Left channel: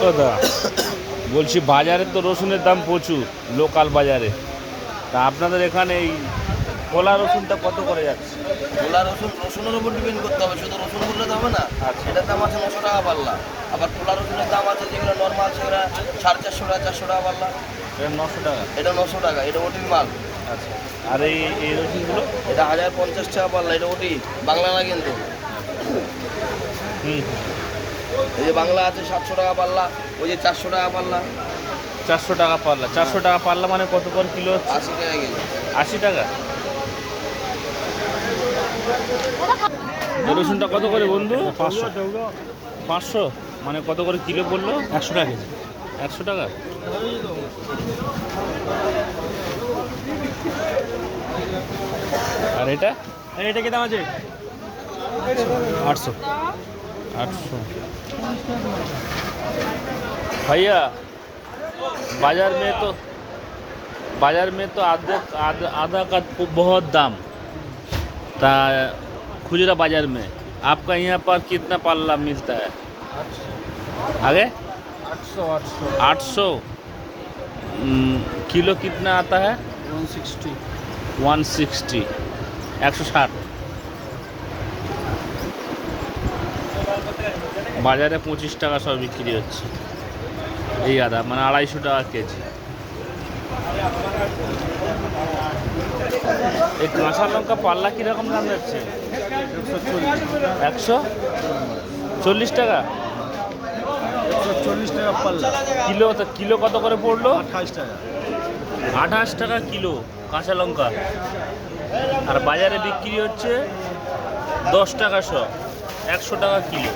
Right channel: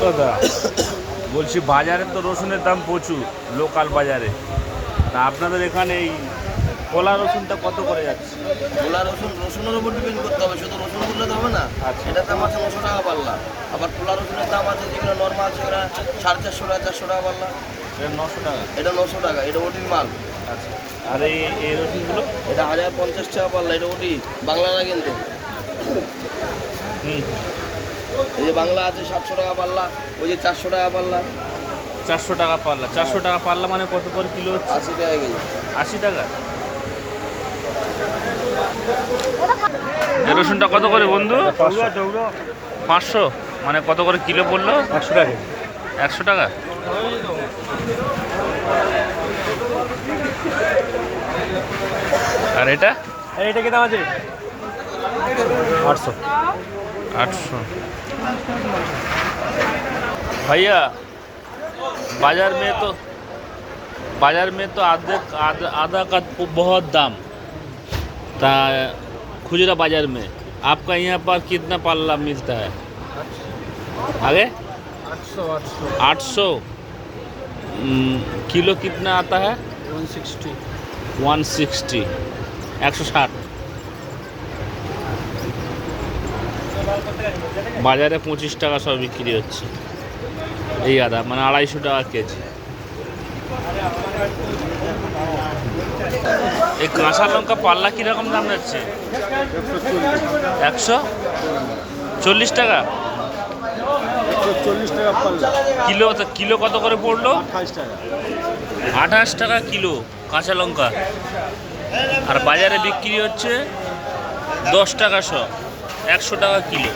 দাদা। বলছি বাজারে তো রসুনের দাম প্রচুর লোকাল বাজারে। তা আপনাদের এখানে এই কলা রসুনটা কত করে যাচ্ছে? গোলা রসুন রসুনের উপর ডিপেন্ড করতে হবে শুধু রসুন বললে হবে না। আচ্ছা। এটার দাম আছে নশো টাকা পাল্লা। আবার পোলা রসুনের দাম আছে যেখানে নর্মাল সেটা সাড়ে চারশো টাকা চারশো টাকা পাল্লা। এটা নশো টাকা? এটা নশো টাকা এটা ওটির মাল। আচ্ছা। আর এই এই রসুনগুলো? এটা হাজার পঞ্চাশ টাকা পাল্লা এটা ওটি বাংলা না কিন্তু। যে বাংলা আছে সাতশো টাকা পাল্লা ওই যে চারশো টাকা পাল্লা। চারশো টাকা পাল্লা চারশো টাকা পাল্লা মানে কত করে কিলো হচ্ছে? আশি টাকা আশি টাকা? রসুনটা কত করে বন্ধু? পাঁচশো। মানে কত করে কিলো পড়ল? একশো টাকা একশো টাকা? আর এটা? এটা কি দাম আছে? আটশো भैया बाज़ार में तो बाज़ार में तो आधे आधा का तो बहुत दाम। था खुजरा बाज़ार में आपका यहाँ पर कितना पाला मिलता है? आगे? 800 हम्म, किलो कितना आता है? 160 160 160 বাজারে পঁচিশ টাকা সব বিক্রি হচ্ছে। এই আদা মানে আড়াইশো টাকা কেজি। এই কাঁচা লঙ্কা পাল্লা কীরকম দাম যাচ্ছে? একশো? চল্লিশ টাকা? চল্লিশ টাকা পাল্লা। কিলো কিলো কত করে পড়ল? আঠাশ টাকা। আঠাশ টাকা কিলো কাঁচা লঙ্কা। আর বাজারে বিক্রি হচ্ছে দশ টাকা শ। একশো টাকা কিলো।